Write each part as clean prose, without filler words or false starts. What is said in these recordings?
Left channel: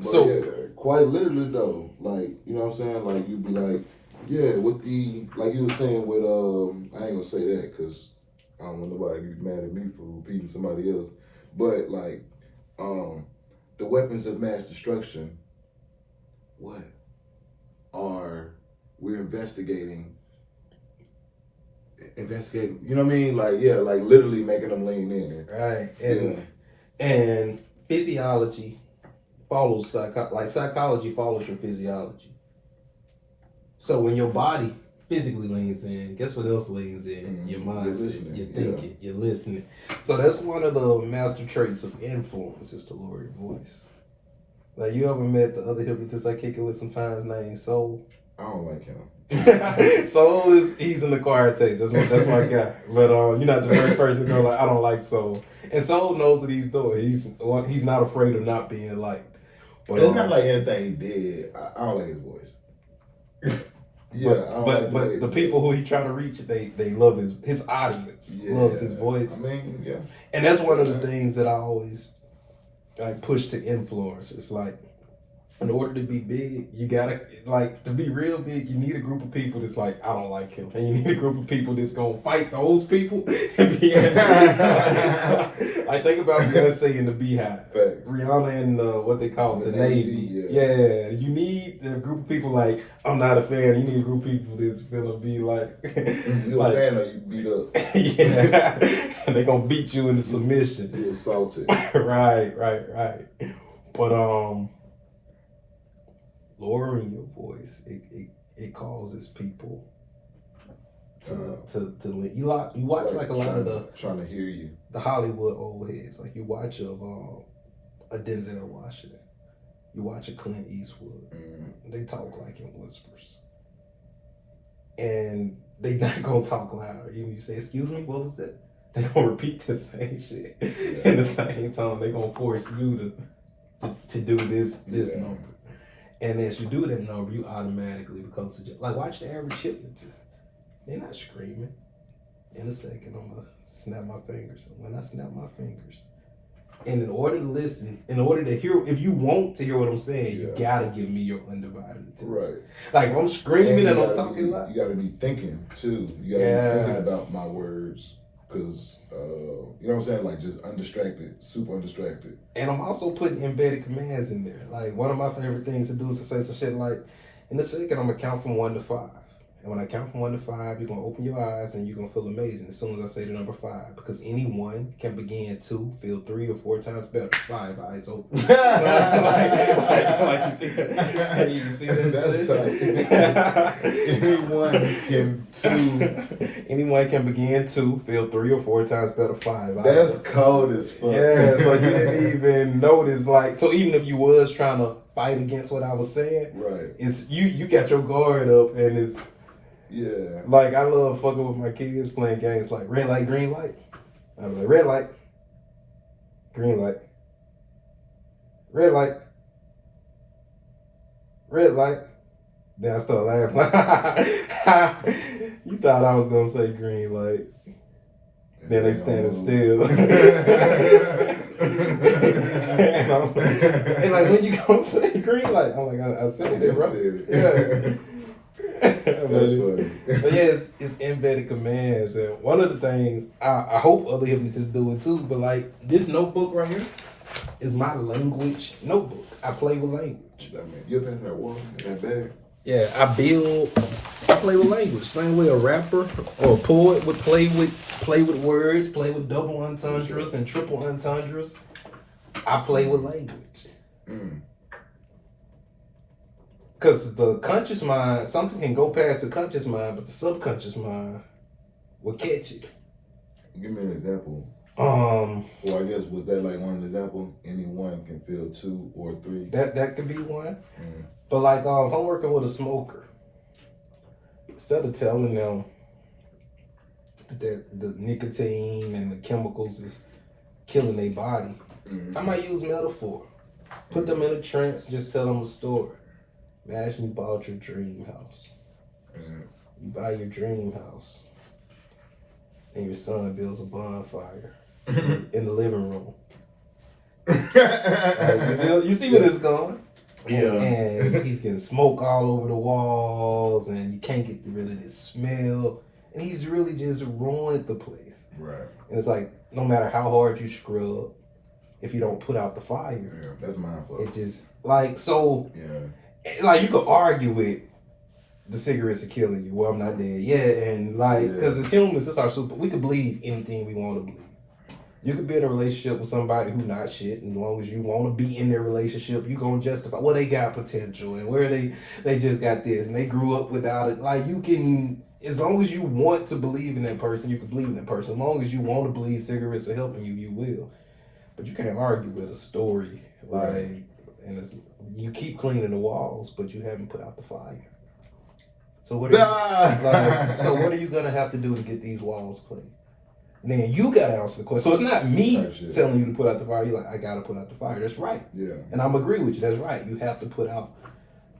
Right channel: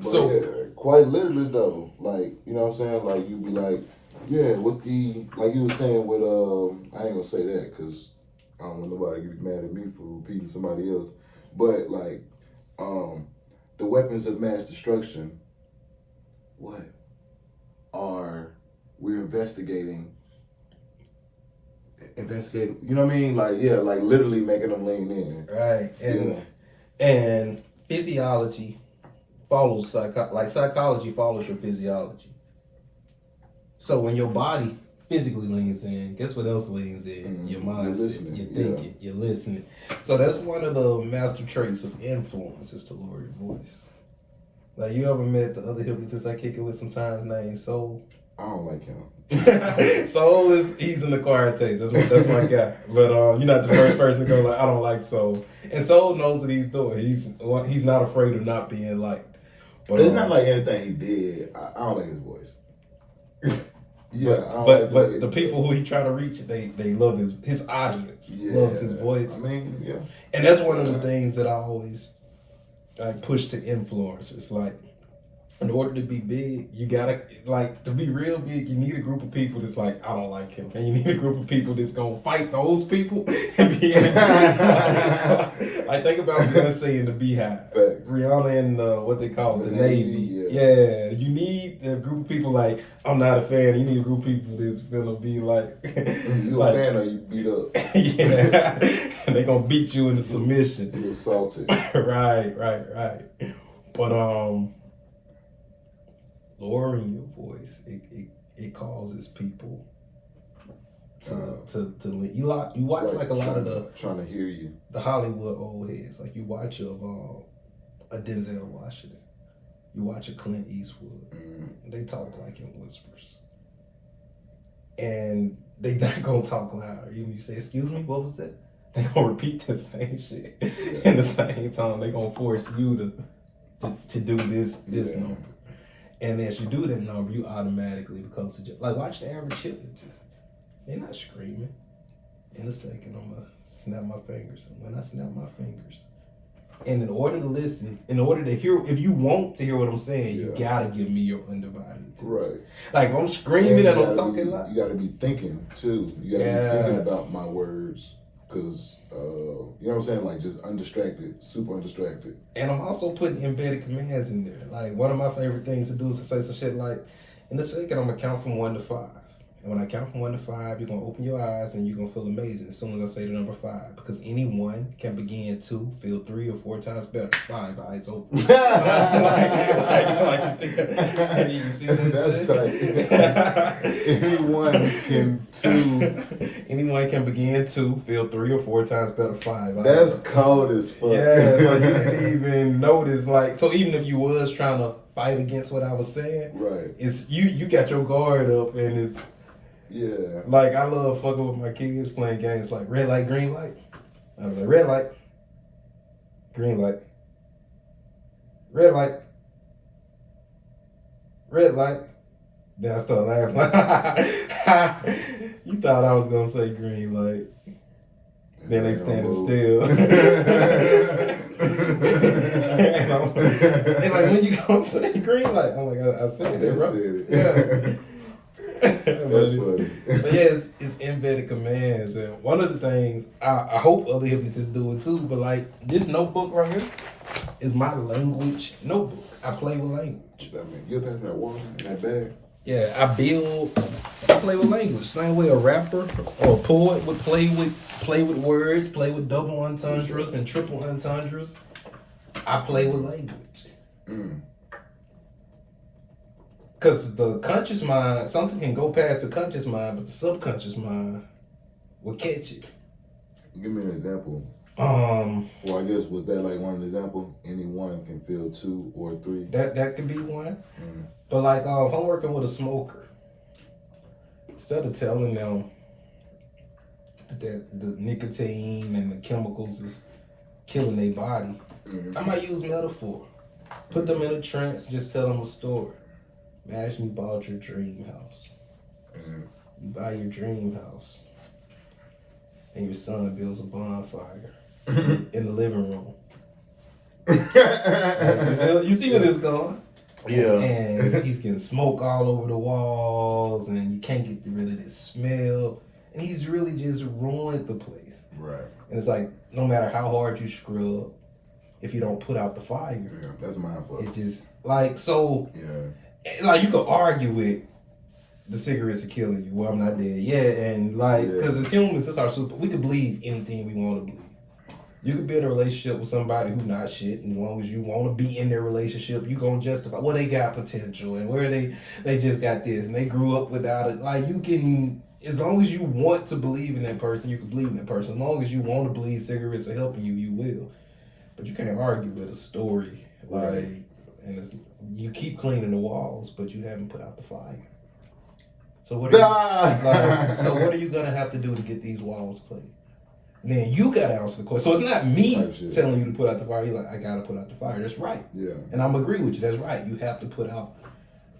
So yeah, quite literally though, like you know what I'm saying, like you be like, yeah, with the like you were saying with I ain't gonna say that because I don't want nobody to get mad at me for repeating somebody else, but like the weapons of mass destruction, what are we're investigating, you know what I mean? Like, yeah, like literally making them lean in. Right. And physiology follows psychology follows your physiology. So when your body physically leans in, guess what else leans in? Your mindset, your thinking, you're listening. So that's one of the master traits of influence is to lower your voice. Like you ever met the other hypnotist I kick it with sometimes named Soul? I don't like him. Soul he's an acquired taste. That's my guy. But you're not the first person to go like I don't like Soul. And Soul knows what he's doing. He's not afraid of not being liked. But it's not like anything he did. I don't like his voice. Yeah, but the people who he trying to reach, they love his audience. Loves his voice. I mean, yeah. And that's one of the things that I always like push to influencers. Like, in order to be big, you gotta to be real big. You need a group of people that's like, I don't like him, and you need a group of people that's gonna fight those people. And be like, think about Beyonce in the Beehive, Rihanna and what they call it, the Navy. Yeah, you need a group of people like I'm not a fan. You need a group of people that's gonna be like, you a fan or you beat up? Yeah, and they gonna beat you into submission. You assaulted. Right. But lowering your voice, it causes people to you watch like a lot of the trying to hear you, the Hollywood old heads, like you watch of a Denzel Washington, you watch a Clint Eastwood, they talk like in whispers, and they not gonna talk loud. You say, excuse me, what was that? They gonna repeat the same shit in the same time. They gonna force you to do this number. And as you do that number, you automatically become like watch the average hypnotist. They're not screaming. In a second, I'm gonna snap my fingers. And when I snap my fingers, and in order to listen, in order to hear, if you want to hear what I'm saying, you gotta give me your undivided attention. Right. Like if I'm screaming and I'm talking loud. You gotta be thinking too. You gotta be thinking about my words. Because, you know what I'm saying? Like, just undistracted, super undistracted. And I'm also putting embedded commands in there. Like, one of my favorite things to do is to say some shit like, in a second, I'm going to count from 1 to 5. And when I count from 1 to 5, you're going to open your eyes and you're going to feel amazing as soon as I say the number 5. Because anyone can begin 2, feel 3 or 4 times better. 5, eyes open. like you see that? You see that? That's tight. Anyone can begin 2, feel 3 or 4 times better. 5. That's cold as fuck. Yeah, so you didn't even notice. Like, so even if you was trying to fight against what I was saying, right? It's you got your guard up, and it's like I love fucking with my kids playing games like red light, green light. I'm like red light, green light, red light, red light. Then I start laughing. You thought I was gonna say green light. Then they standing still. and like, when you gonna say green light? I'm like, I said it, bro. Yeah. That's funny. But yeah, it's embedded commands. And one of the things, I hope other hypnotists do it too, but like this notebook right here is my language notebook. I play with language. I mean, you're passing that water in that bag? Yeah, I play with language. Same way a rapper or a poet would play with words, play with double entendres and triple entendres. I play with language. Because the conscious mind, something can go past the conscious mind, but the subconscious mind will catch it. Give me an example. Well, I guess, was that like one example? Anyone can feel 2 or 3? That could be one. But like, if I'm working with a smoker, instead of telling them that the nicotine and the chemicals is killing their body, I might use metaphor. Put them in a trance, just tell them a story. Imagine you bought your dream house. You buy your dream house, and your son builds a bonfire in the living room. You see where this is going? Yeah. And he's getting smoke all over the walls, and you can't get rid of this smell. And he's really just ruined the place. Right. And it's like, no matter how hard you scrub, if you don't put out the fire, yeah, that's my fault. It just, like, so, yeah, like, you could argue with the cigarettes are killing you. Well, I'm not dead yet. And, like, because as humans, it's our super, we can believe anything we want to believe. You could be in a relationship with somebody who not shit, and as long as you want to be in their relationship, you gonna justify, well, they got potential, and where they just got this, and they grew up without it. Like, you can, as long as you want to believe in that person, you can believe in that person. As long as you want to believe cigarettes are helping you, you will. But you can't argue with a story, like, and it's, you keep cleaning the walls, but you haven't put out the fire. So what are you gonna have to do to get these walls clean? Man, you gotta answer the question. So it's not me telling you to put out the fire. You're like, I gotta put out the fire. That's right. Yeah. And I'm agree with you. That's right. You have to put out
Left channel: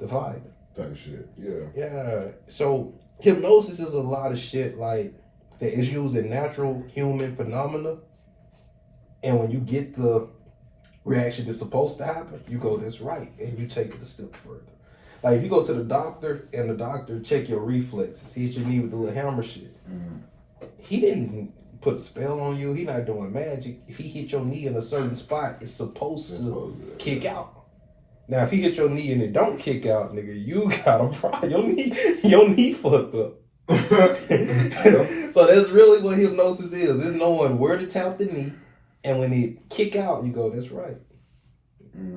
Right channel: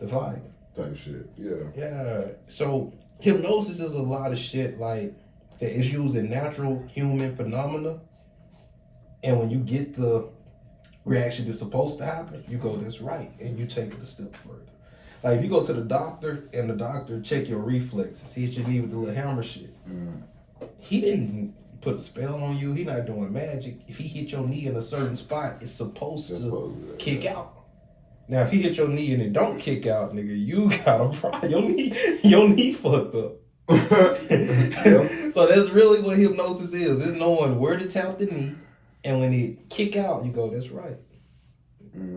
the fire. Type shit. Yeah. Yeah. So hypnosis is a lot of shit like that is used in natural human phenomena. And when you get the reaction that's supposed to happen, you go, that's right. And you take it a step further. Like if you go to the doctor and the doctor check your reflexes, he hit your knee with the little hammer shit. He didn't put a spell on you. He not doing magic. If he hit your knee in a certain spot, it's supposed to kick out. Now, if he hit your knee and it don't kick out, nigga, you got a problem. Your knee fucked up. So that's really what hypnosis is. It's knowing where to tap the knee, and when it kick out, you go, that's right.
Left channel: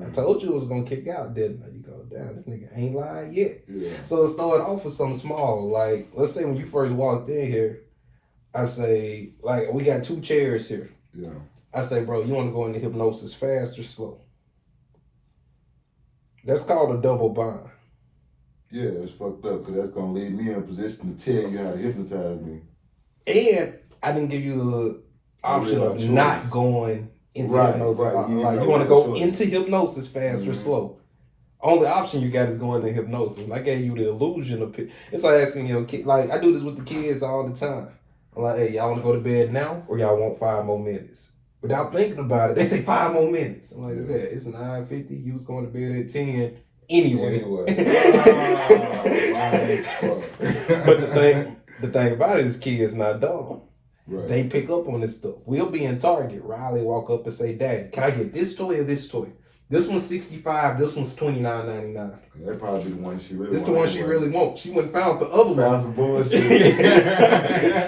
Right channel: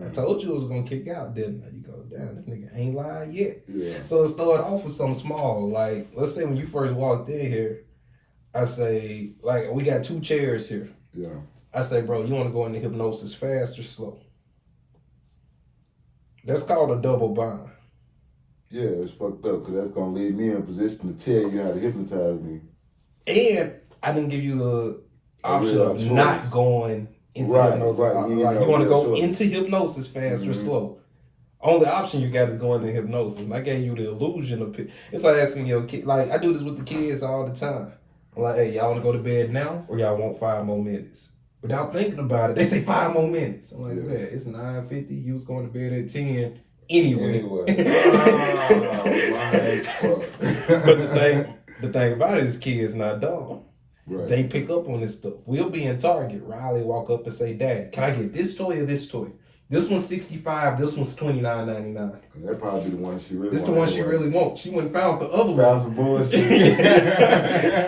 I told you it was gonna kick out, didn't I? You go, damn, this nigga ain't lying yet. Yeah. So it started off with something small. Like, let's say when you first walked in here, I say, like, we got 2 chairs here. Yeah. I say, bro, you want to go into hypnosis fast or slow? That's called a double bind. Yeah, it's fucked up because that's going to leave me in a position to tell you how to hypnotize me. And I didn't give you the option of not going into hypnosis. Right. You want to go into hypnosis fast or slow. Only option you got is going into hypnosis. And I gave you the illusion of it's like asking your kid, like, I do this with the kids all the time. I'm like, hey, y'all want to go to bed now or y'all want 5 more minutes? Without thinking about it, they say 5 more minutes. I'm like, yeah, it's 9:50. You was going to bed at 10 anyway. But the thing about it is kids not dumb. Right. They pick up on this stuff. We'll be in Target. Riley walk up and say, Dad, can I get this toy or this toy? This one's $65. This one's $29.99. That'd probably be the one she really wants. This the one she really wants. She went and found the other one. Found some bullshit.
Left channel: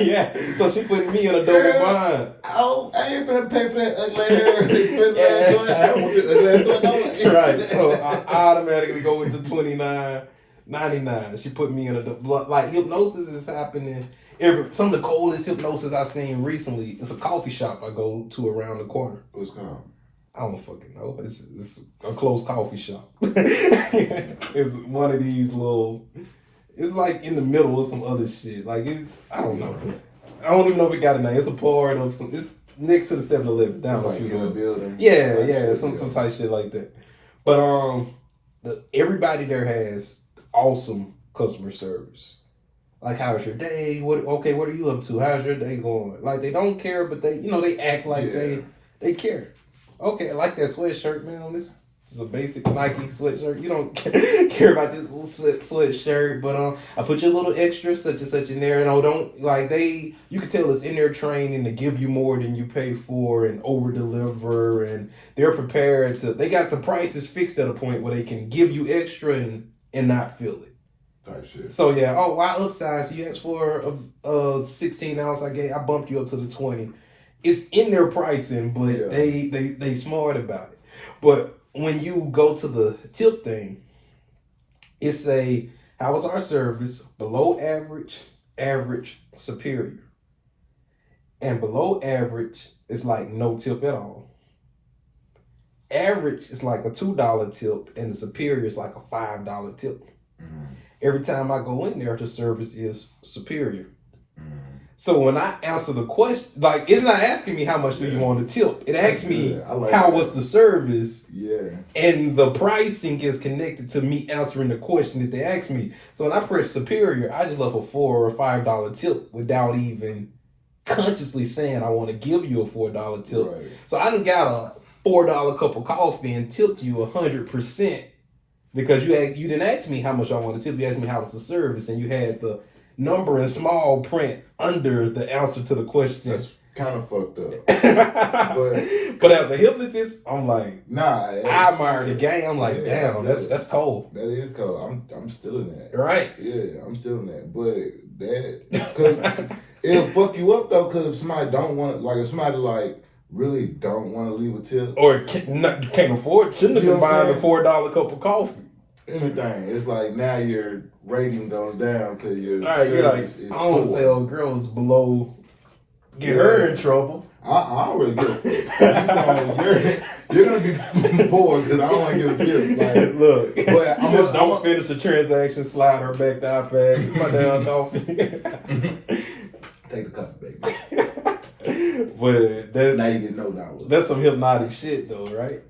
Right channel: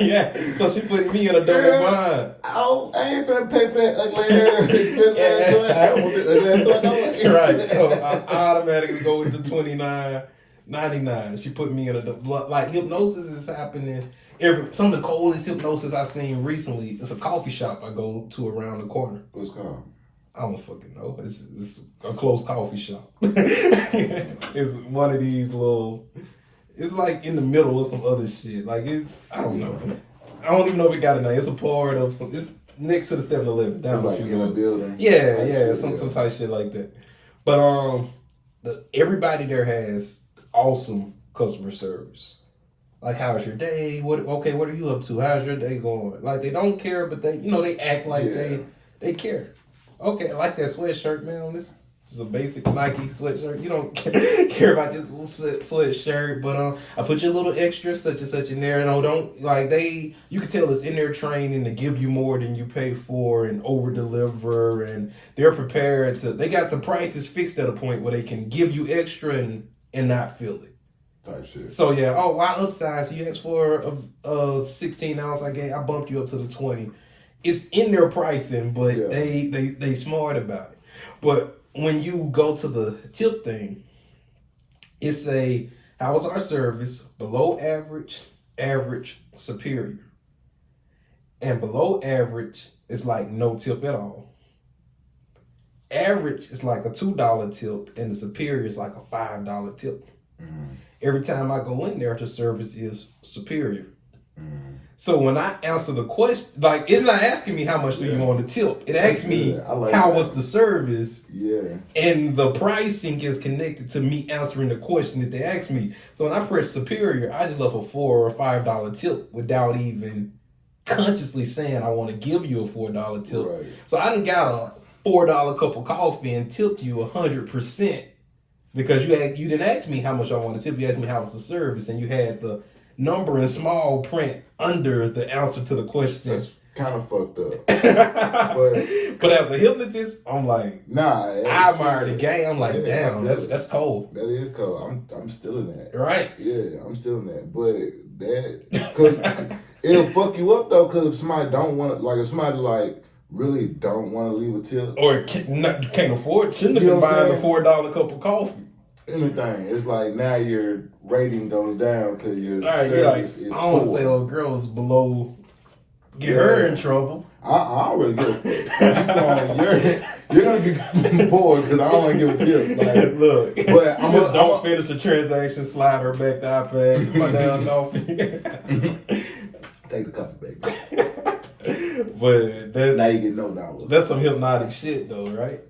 Yeah. So she put me in a double bind. Oh, I ain't gonna pay for that ugly ass expensive ass toy. I don't want the ugly ass toy. Right. So I automatically go with the $29.99. She put me in a double. Like hypnosis is happening. Some of the coldest hypnosis I've seen recently. It's a coffee shop I go to around the corner. What's it called? I don't fucking know. It's a closed coffee shop. It's one of these little. It's like in the middle of some other shit. Like I don't know. I don't even know if it got a name. It's a part of some. It's next to the 7-Eleven down like in a building. Yeah, some type shit like that. But everybody there has awesome customer service. Like, how's your day? What are you up to? How's your day going? Like, they don't care, but they act like they care. Okay, I like that sweatshirt, man. This is a basic Nike sweatshirt. You don't care about this little sweatshirt, but I put you a little extra such and such in there. No, don't like you can tell it's in their training to give you more than you pay for and over deliver, and they're prepared to. They got the prices fixed at a point where they can give you extra and not feel it. Type shit. So yeah, I upsized. You asked for a 16 ounce. I bumped you up to the 20. It's in their pricing, but they smart about it. But when you go to the tip thing, it's how was our service? Below average, average, superior. And below average is like no tip at all. Average is like a $2 tip, and the superior is like a $5 tip. Mm-hmm. Every time I go in there, the service is superior. Mm-hmm. So when I answer the question, like, it's not asking me how much do you want to tip. It asks me how was the service. Yeah. And the pricing is connected to me answering the question that they asked me. So when I press superior, I just left a $4 or $5 tip without even consciously saying I want to give you a $4 tip. Right. So I done got a $4 cup of coffee and tipped you 100%. Because you didn't ask me how much I wanted to tip. You asked me how was the service, and you had the number in small print under the answer to the question. That's kind of fucked up. but as a hypnotist, I'm like, nah. I admire the game. I'm like, damn, that's cold. That is cold. I'm still in that. Right? Yeah, I'm still in that. But cause it'll fuck you up though. Cause if somebody don't want, like, if somebody like really don't want to leave a tip, or can't afford, shouldn't have been buying a $4 cup of coffee. Anything. It's like now your rating goes down because your service is I don't poor. say old girls below. Get her in trouble. I don't really give a fuck. You're gonna be poor because I don't want to give a tip. Like, look, but don't finish the transaction. Slide her back the iPad. My damn coffee. Take the coffee back. But now you get no dollars. That's some hypnotic shit, though, right?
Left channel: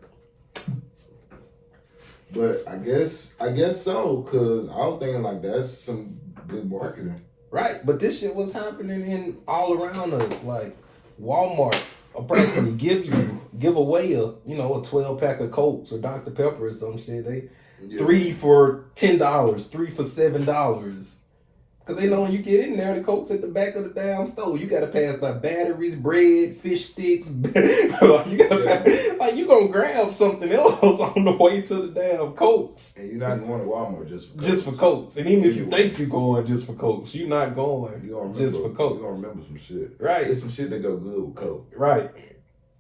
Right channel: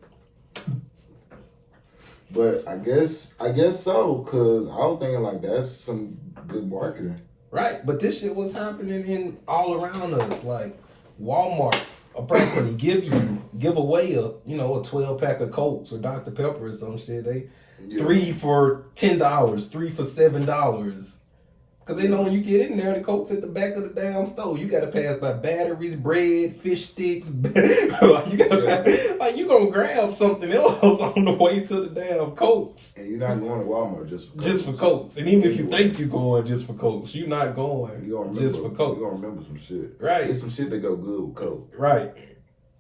But I guess so, cause I was thinking like that's some good marketing. Right, but this shit was happening in all around us. Like Walmart will practically give away a 12-pack of Cokes or Dr. Pepper or some shit. They 3 for $10, 3 for $7. Cause they know when you get in there, the Coke's at the back of the damn store. You gotta pass by batteries, bread, fish sticks. You gonna grab something else on the way to the damn Cokes. And you're not going to Walmart just for Cokes. Just for Cokes. And even if you think you're going just for Cokes, you're not going just for Cokes. You're gonna remember some shit. Right. There's some shit that go good with Coke. Right.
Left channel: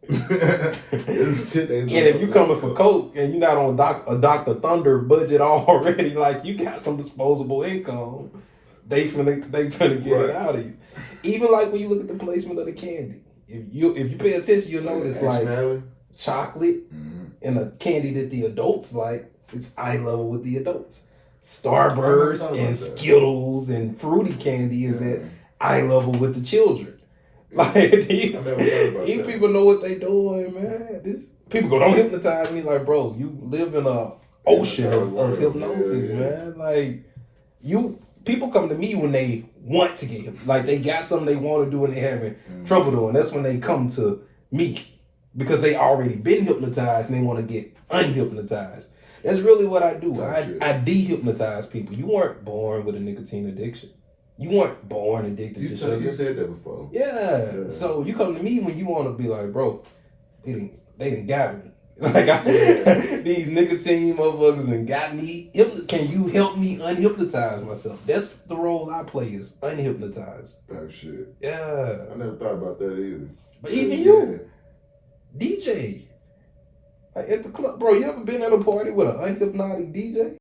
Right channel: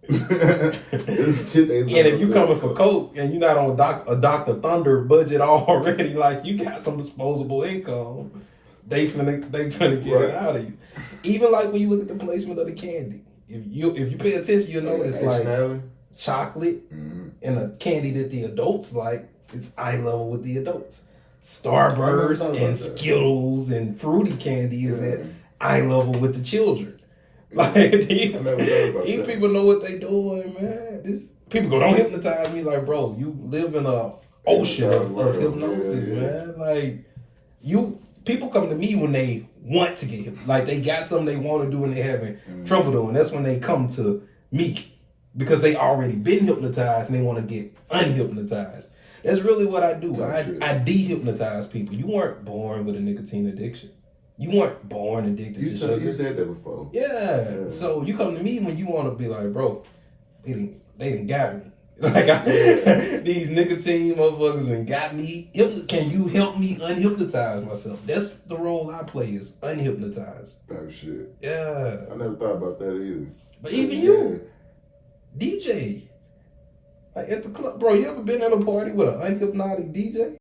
There's some shit that and if you coming for Coke and you're not on a Dr. Thunder budget already, like you got some disposable income. They finna get it out of you. Even like when you look at the placement of the candy. If you pay attention, you'll notice like chocolate and a candy that the adults like, it's eye level with the adults. Starburst and Skittles and fruity candy is at eye level with the children. Like these people know what they doing, man. People go, don't hypnotize me. Like, bro, you live in a ocean of hypnosis, man. Like people come to me when they want to get hypnotized. Like they got something they want to do and they having trouble doing. That's when they come to me because they already been hypnotized and they want to get unhypnotized. That's really what I do. I de-hypnotize people. You weren't born with a nicotine addiction. You weren't born addicted to sugar. You said that before. Yeah. So you come to me when you want to be like, bro, they didn't got me. Like these nicotine motherfuckers and got me. Can you help me unhypnotize myself? That's the role I play, is unhypnotized. Type shit. Yeah. I never thought about that either. But even you, DJ, like at the club, bro. You ever been at a party with an unhypnotic DJ?